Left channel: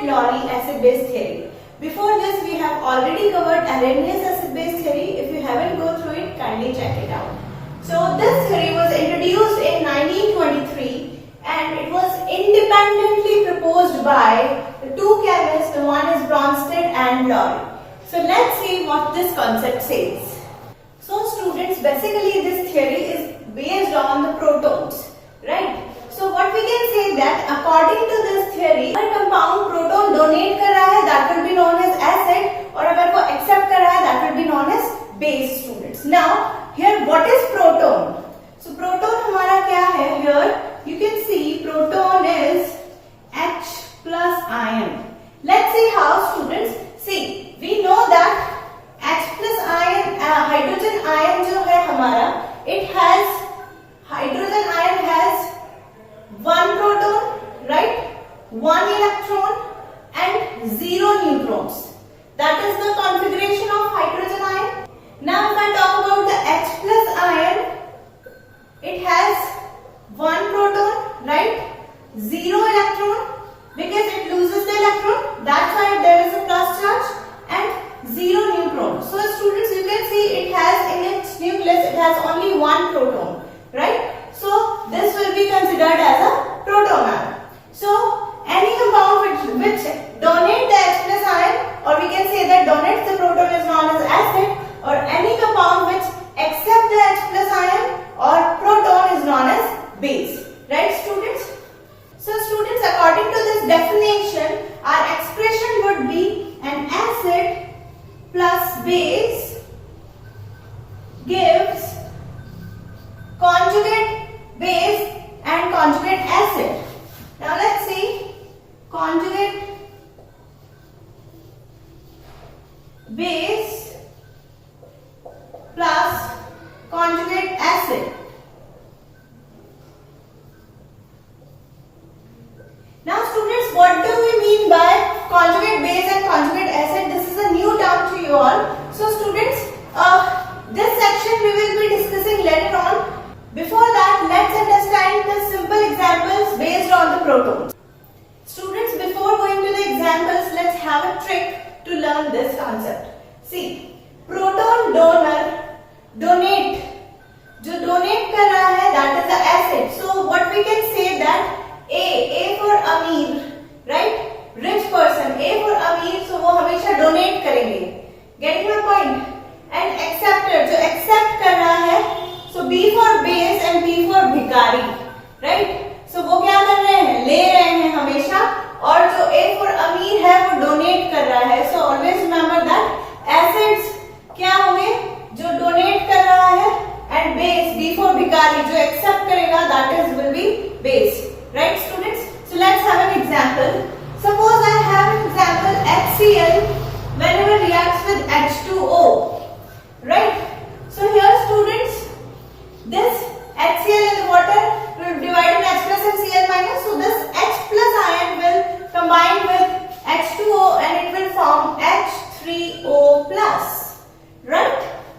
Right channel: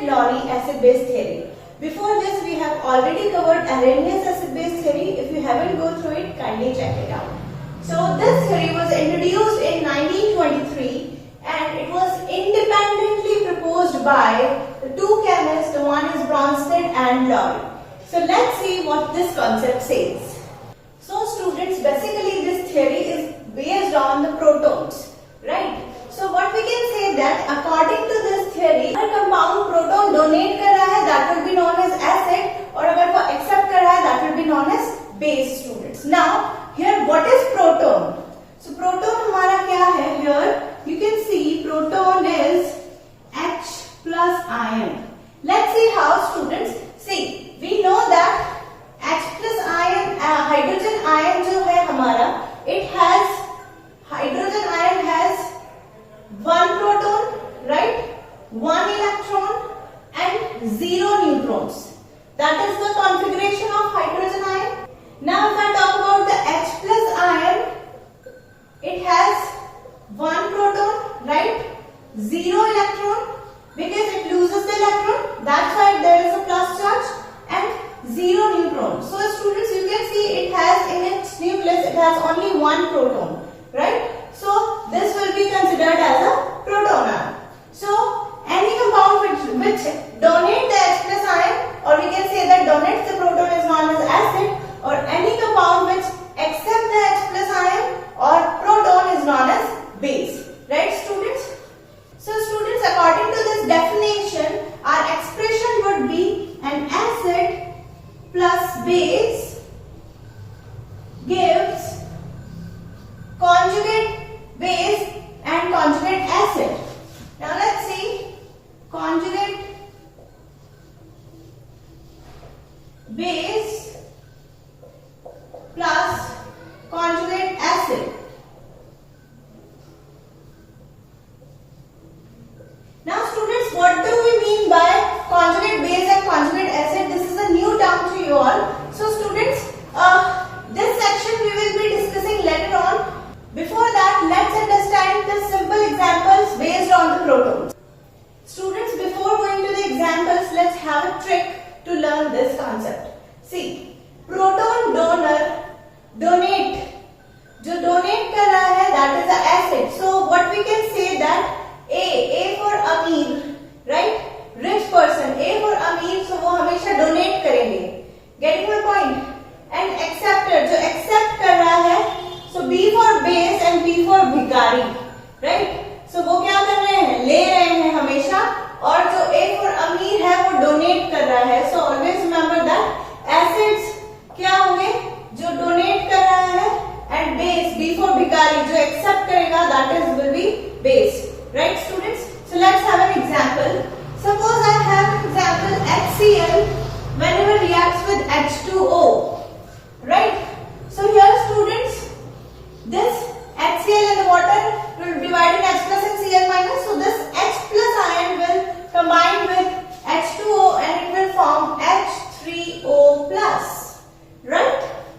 Bronsted-Lowry acid-base theory. Before this, we have already covered Arrhenius acid-base theory. If you haven't go through it, kindly check it out. So this theory was introduced in 1923 and it was independently proposed by the two chemists. The one is Bronsted and Lowry. So let's see what this concept says. So students, basically this theory is based on the protons, right? So what we can say that according to this theory, अगर compound proton donate कर रहा है, that will be known as acid, और अगर वो accept कर रहा है, that will be known as base, students. Now here what is proton? So proton हमारा क्या है? Here you can see proton is H plus ion. Let's see how, students. See, we know that H plus ion, hydrogen ion जो है हमारा, it has, hydrogen ion has one proton, right? One electron and 0 neutrons. That is the configuration of hydrogen ion. Now if I talk about the H plus ion, it has one proton, right? 0 electron, because it loses the electron. That's why there is a plus charge, and 0 neutron. So students, you can see it has in its nucleus, it has only one proton, right? So this will be considered as a proton ion. So any compound which donate the H plus ion, or we can say that donates the proton, is known as acid, or any compound which accept the H plus ion or proton is known as base, right students? So students, according to this definition, our expression would be an acid plus base gives conjugate base and conjugate acid. Now let's see, conjugate base plus conjugate acid. Now students, what do we mean by conjugate base and conjugate acid? This is a new term to you all. So students, this section we will be discussing later on. Before that, let's understand the simple examples based on the protons. Students, before going to the examples, let's have a trick to learn this concept. See, proton donor, donate, जो donate कर रहा है, that is the acid. So what we can say that A for Amir, right? Rich person, A for Amir, so वो हमेशा donate करेंगे. Getting my point? And acceptor, जो accept कर रहा है, so B for base and B for भिखारी, right? So वो क्या कर रहे हैं? ले रहे हैं हमेशा, और जो A for अमीर है वो donate कर रहा है. So always remember that acids क्या होंगे? जो donate कर रहा है, and base B for भिखारी जो accept करेगा, that is will be base, right students? So let's have an example. Suppose I have an example HCl whenever reacts with H2O, right? So here students, this HCl in the water will divide in H plus and Cl minus. So this H plus ion will combine with H2O and it will form H3O plus, right?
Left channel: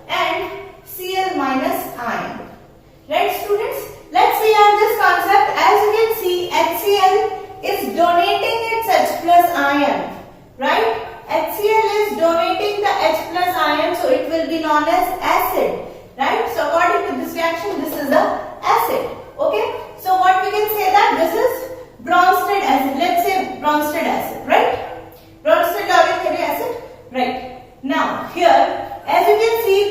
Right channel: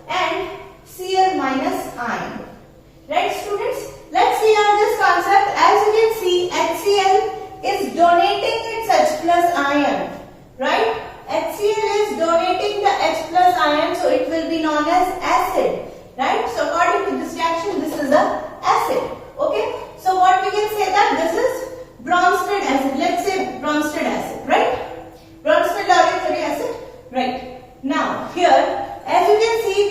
And Cl minus ion. Right students? Let's see on this concept. As you can see, HCl is donating its H plus ion, right? HCl is donating the H plus ion, so it will be known as acid. Right? So according to this reaction, this is the acid. Okay? So what we can say that this is Bronsted acid. Let's say Bronsted acid, right? Bronsted-Lowry acid, right? Now here, as you can see,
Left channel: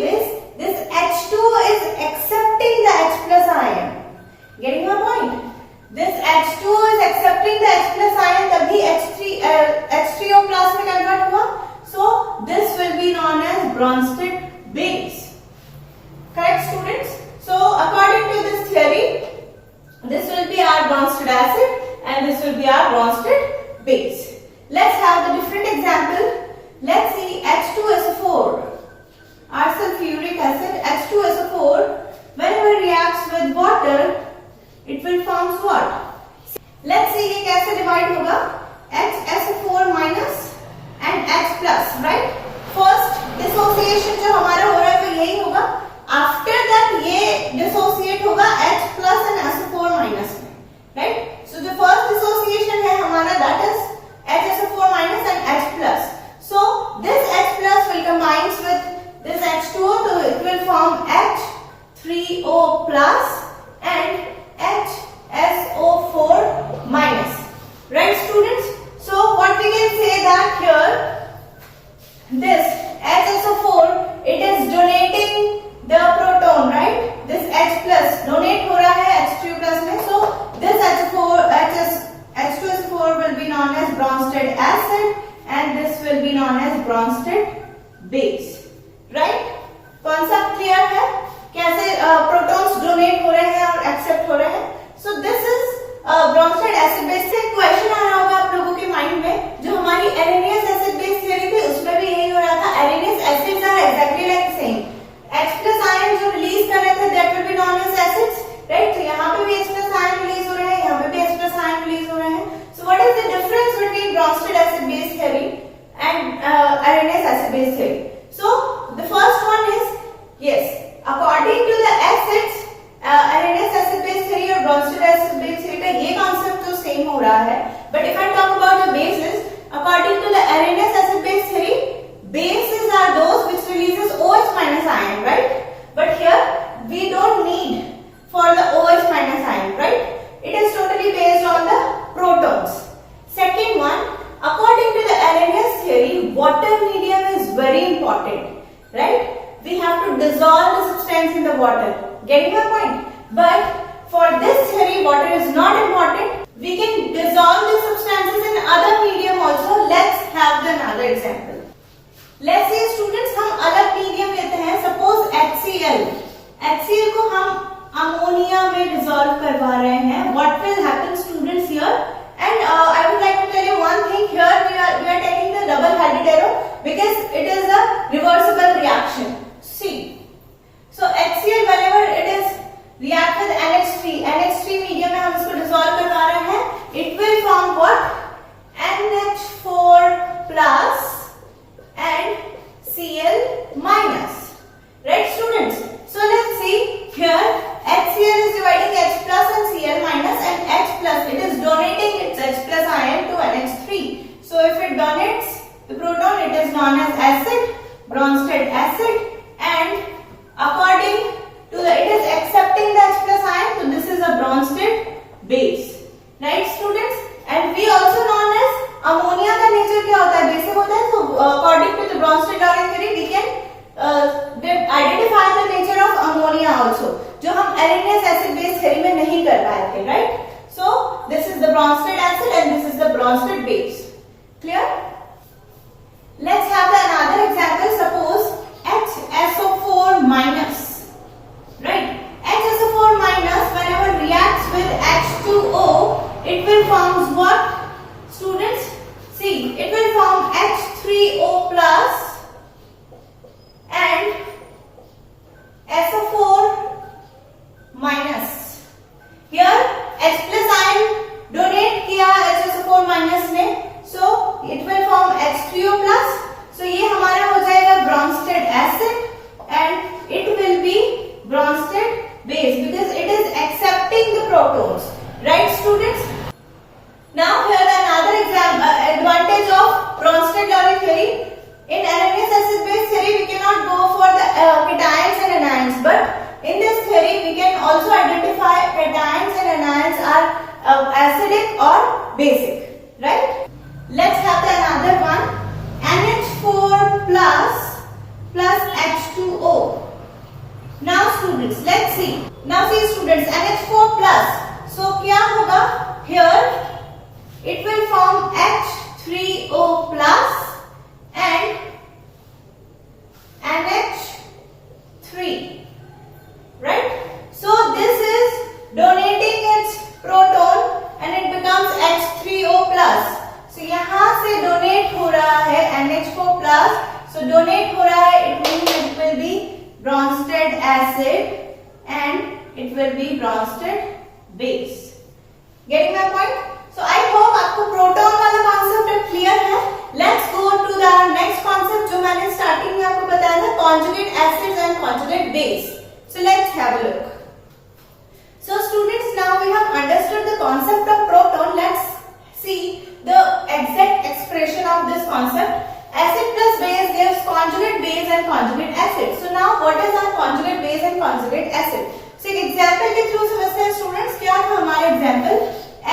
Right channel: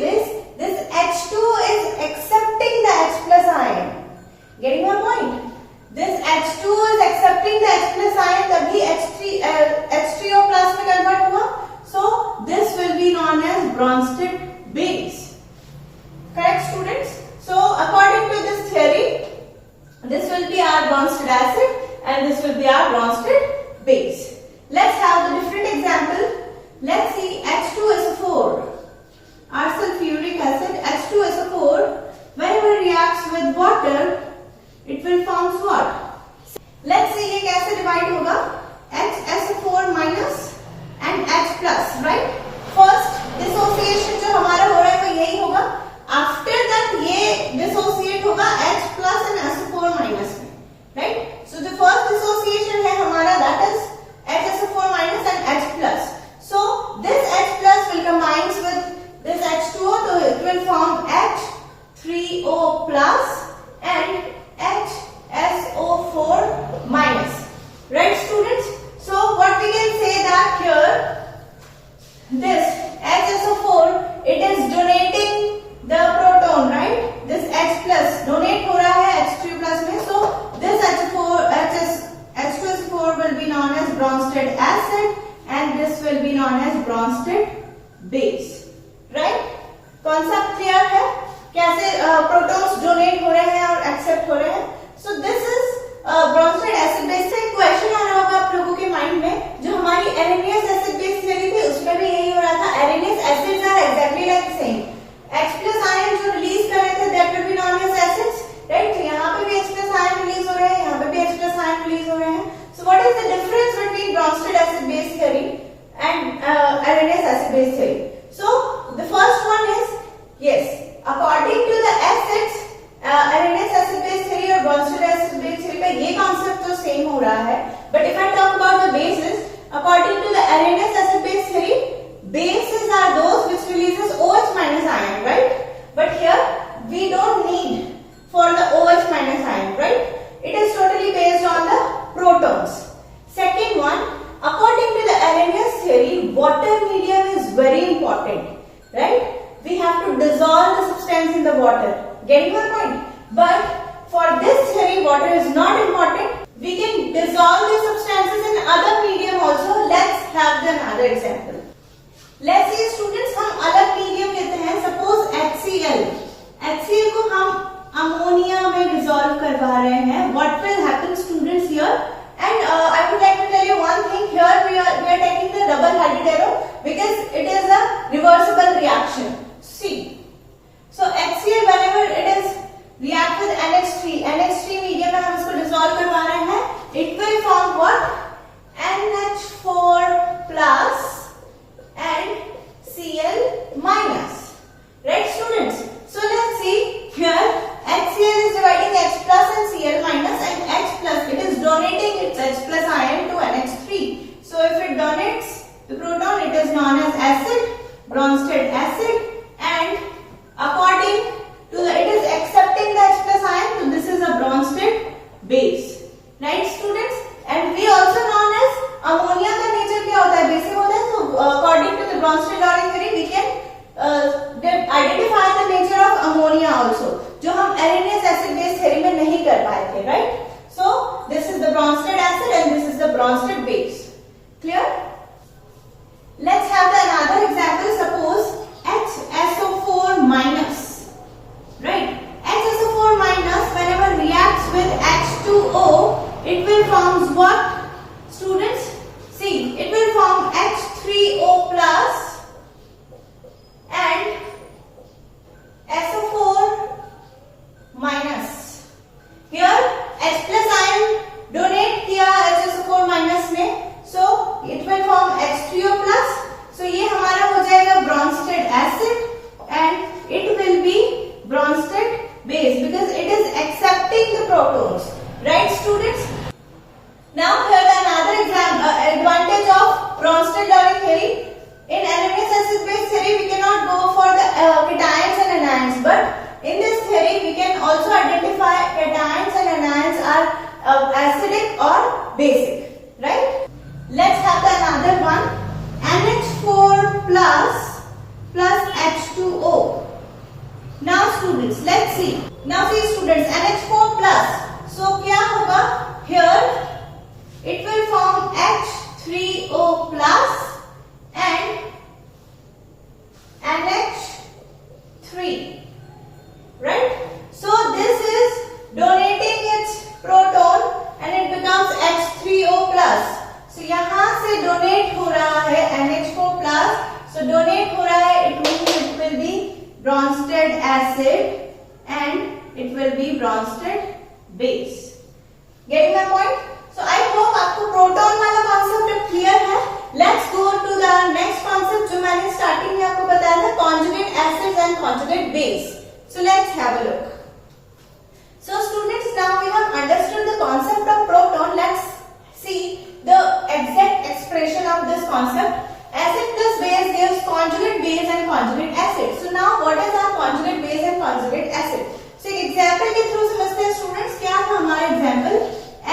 this H2 is accepting the H plus ion. Getting my point? This H2 is accepting the H plus ion, तभी H3O plus में convert होगा. So this will be known as Bronsted base. Correct students? So according to this theory, this will be our Bronsted acid and this will be our Bronsted base. Let's have the different example. Let's see H2SO4, our sulfuric acid, H2SO4, whenever it reacts with water, it will form what? Let's see ये कैसे divide होगा? HSO4 minus and H plus, right? First dissociation जो हमारा हो रहा है तो यही होगा. After that ये dissociate होगा H plus and SO4 minus में, right? So the first dissociation है हमारा, that is HSO4 H plus. So this H plus will combine with this H2O, so it will form H3O plus and HSO4 minus. Right, students? So what we can say that here, this HSO4, it is donating the proton, right? This H plus donate हो रहा है H3 plus में. So this H2SO4 will be known as Bronsted acid and this will be known as Bronsted base. Right? Concept clear है? कैसे protons donate हो रहे हैं और accept हो रहे हैं? So this is Bronsted acid base से क्वेश्चन आ रहा होगा आप लोगों के माइंड में. जो हमारी Arrhenius acid base theory थी उसमें भी यही हो रहा था. Arrhenius acids are exactly like same. H plus ion जो रिलीज कर रहे थे that will be known as acids, right? तो यहाँ पे भी H plus ion रिलीज हो रहे हैं, यहाँ पे भी H plus ion रिलीज हो रहे हैं. So what is the difference between Bronsted acid base theory and Arrhenius acid base theory? So the first one is, yes, according to the acids, Arrhenius acid base theory और Bronsted acid base theory का ये concept तो same हो रहा है. But if I talk about the bases, according to the Arrhenius acid base theory, bases are those which releases OH minus ion, right? But here we don't need for the OH minus ion, right? It is totally based on the protons. Second one, according to the Arrhenius theory, water medium is very important, right? We have to dissolve the substance in the water. Getting my point? But for this theory, water is not important. We can dissolve the substances in other medium also. Let's have another example. Let's say students हम अलग medium लेते हैं. Suppose HCl. HCl को हम ammonia में dissolve करवा रहे हैं. What will happen, students, here? And I would like to tell you one thing. Here we are taking the double hydrotero because it is a reversible reaction. See. So HCl whenever it is react with NH3. NH3 medium में हम इसको dissolve करवा रहे हैं. It will form what? NH4 plus and Cl minus. Right, students? So let's see here. HCl is dividing H plus and Cl minus, and H plus, it is donating its H plus ion to NH3. So if it donates the proton, it is known as acid, Bronsted acid, and according to the, it is accepting the H plus ion, so this is a Bronsted base. Right, students? And we also known as ammonia का nature क्या होता है? Basic होता है. So according to the Bronsted Darwin theory, we can identify the nature of ammonia also, जो हम Arrhenius acid base theory में नहीं कर पाए थे, right? So this is the Bronsted acid and this is the Bronsted base. Clear? Let's have another example. Suppose HSO4 minus, right? HSO4 minus whenever reacts with H2O, it will form what? Students, see, it will form H3O plus and SO4 minus. Here H plus ion donate किया HSO4 minus ने, so it will form H3O plus. So ये हमारा हो जाएगा Bronsted acid and it will be Bronsted base because it is accepting the protons. Right, students? Now here another advantage of Bronsted-Lowry theory. In Arrhenius acid base theory, we cannot go for the cations and anions, but in this theory, we can also identify cations and anions are acidic or basic. Right? Let's have another one. NH4 plus H2O. Now students, let's see. Now see students, NH4 plus. So क्या होगा? Here it will form H3O plus and NH3, right? So this is donating its proton and it becomes H3O plus. So यहाँ से donate हो रहा है NH4 plus. So donate हो रहा है, it means it will be Bronsted acid and it will be Bronsted base. Getting my point? So I hope आपको proton वाला कॉन्सेप्ट क्लियर है. Let's go to the next concept जो मैंने starting में आपको बताया था, conjugate acids and conjugate base. So let's have a look. So students, now we have understood the concept of proton. Let's see the exact expression of this concept. Acid plus base gives conjugate base and conjugate acid. So now what is our conjugate base and conjugate acid? So एक example के through समझते हैं students. क्या था हमारा example?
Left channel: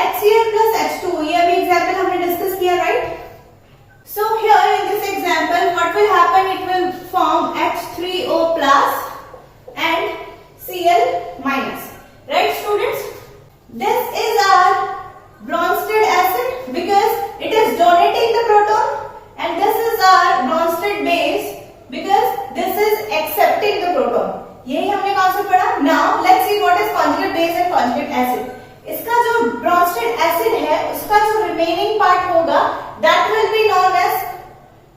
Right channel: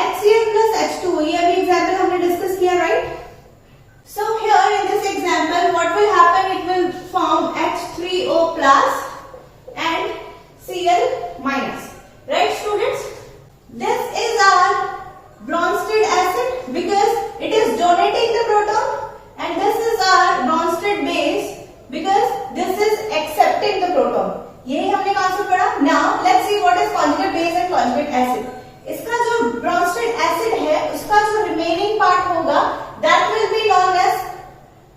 HCl plus H2O. ये अभी example हमने डिस्कस किया, right? So here in this example, what will happen? It will form H3O plus and Cl minus, right students? This is our Bronsted acid because it is donating the proton, and this is our Bronsted base because this is accepting the proton. यही हमने कहाँ से पढ़ा? Now let's see what is conjugate base and conjugate acid. इसका जो Bronsted acid है, उसका जो remaining part होगा, that will be known as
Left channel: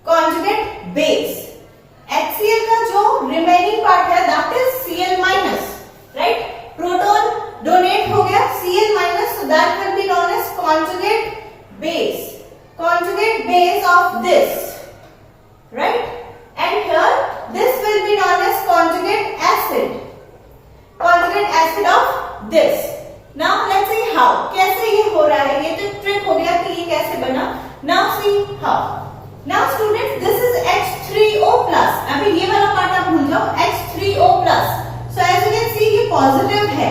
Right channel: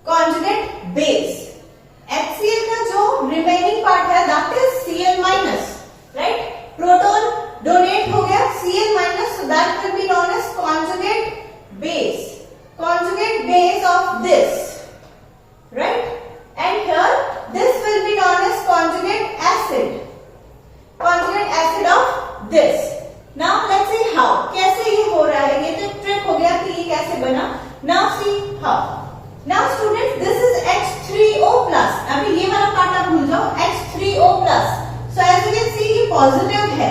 conjugate base. HCl का जो remaining part है, that is Cl minus, right? Proton donate हो गया, Cl minus, so that will be known as conjugate base. Conjugate base of this, right? And here this will be known as conjugate acid. Conjugate acid of this. Now let's see how. कैसे ये हो रहा है? ये तो trick हो गया कि ये कैसे बना. Now see how. Now students, this is H3O plus. अभी ये वाला पार्ट आप भूल जाओ. H3O plus. So as you can see ये पॉजिटिव है.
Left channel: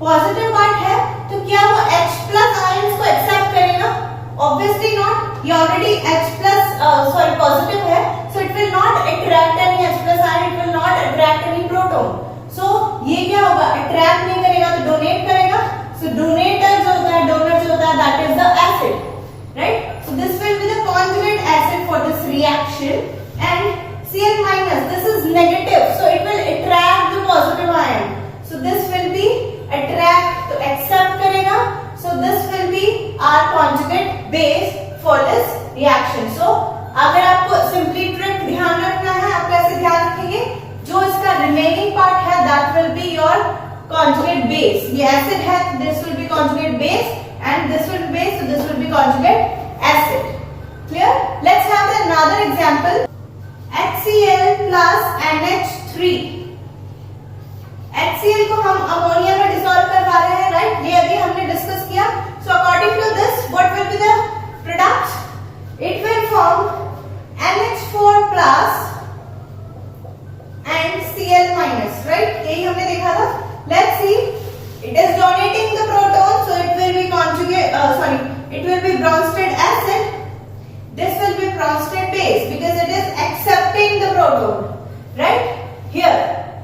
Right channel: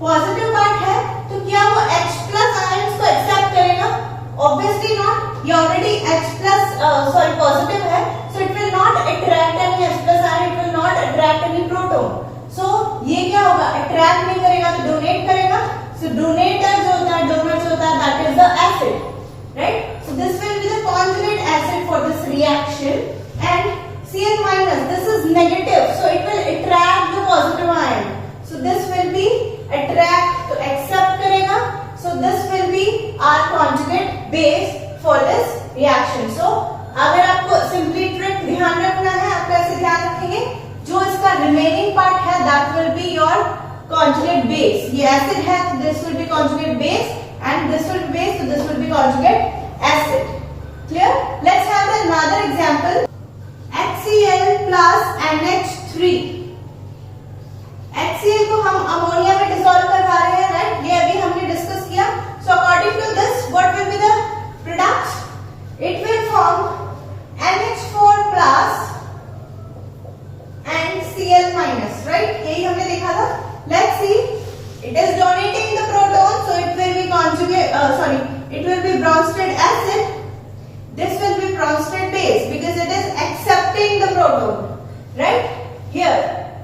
पॉजिटिव पार्ट है, तो क्या वो H plus आयंस को एक्सेप्ट करेगा? Obviously not. ये ऑलरेडी H plus पॉजिटिव है, so it will not attract any H plus ion. It will not attract any proton. So ये क्या होगा? अट्रैक्ट नहीं करेगा तो डोनेट करेगा. So donator जो होता है, डोनर जो होता है, that is the acid, right? So this will be the conjugate acid for this reaction. And Cl minus, this is negative, so it will attract the positive ion. So this will be attract, तो accept करेगा. So this will be our conjugate base for this reaction. So अगर आपको simply trick ध्यान रखना है, आप कैसे ध्यान रखेंगे? जो इसका remaining part है, that will be your conjugate base. ये acid है, this will be conjugate base, and this will be base, so this will be conjugate acid. Clear? Let's have another example. HCl plus NH3. HCl को हम ammonia में dissolve करवा रहे हैं, right? ये अभी हमने डिस्कस किया. So according to this, what will be the product? It will form NH4 plus and Cl minus, right? यही हमने देखा था. Let's see. It is donating the proton, so it will be it will be Bronsted acid. This will be Bronsted base because it is accepting the proton, right? Here,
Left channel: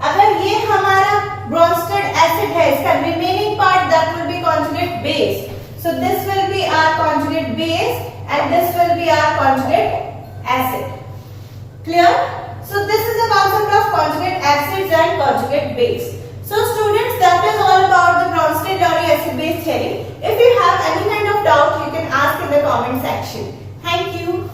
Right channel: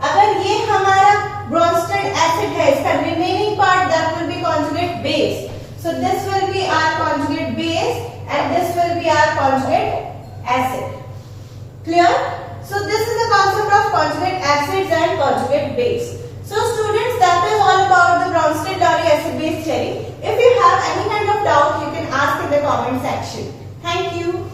अगर ये हमारा Bronsted acid है, इसका remaining part that will be conjugate base. So this will be our conjugate base and this will be our conjugate acid. Clear? So this is the concept of conjugate acids and conjugate base. So students, that is all about the Bronsted-Lowry acid-base theory. If you have any kind of doubt, you can ask in the comment section. Thank you.